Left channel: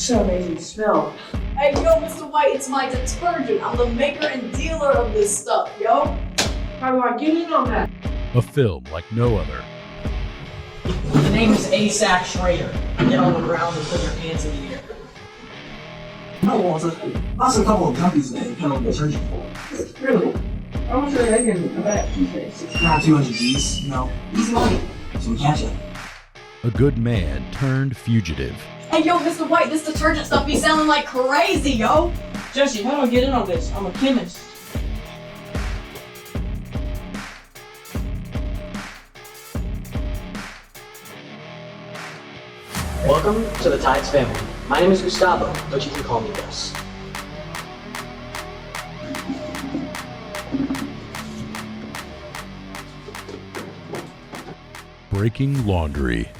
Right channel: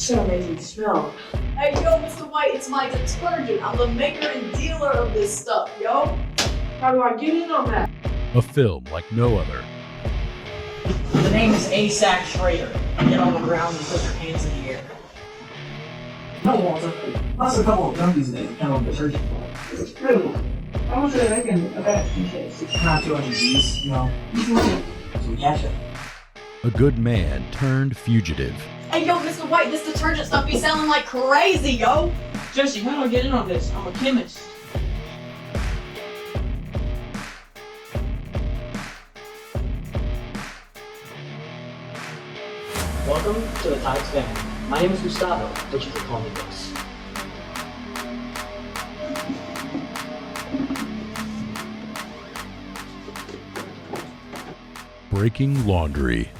So amazing smell. Hey, yo, Mr. White, it's my detergent. I'm the maker and dealer of this stuff, yo. How do I get in on that? A film like no other. The name is ASAC Schrader. Get on the ground and put your hands in the air. No, Walter. Lost a couple of dumpies in handle detergent. Really? How much are they making of that these days? Not 200 G's, you know. Easy money. So we catch it. A good man turned fugitive. Hey, yo, Mr. White, this detergent stuff be sounding like crazy, yo. Jesse, how do I get in on this? I'm a chemist. Welcome to the Tides family. My name is Gustavo, but you can call me Gus. Breaking laundry.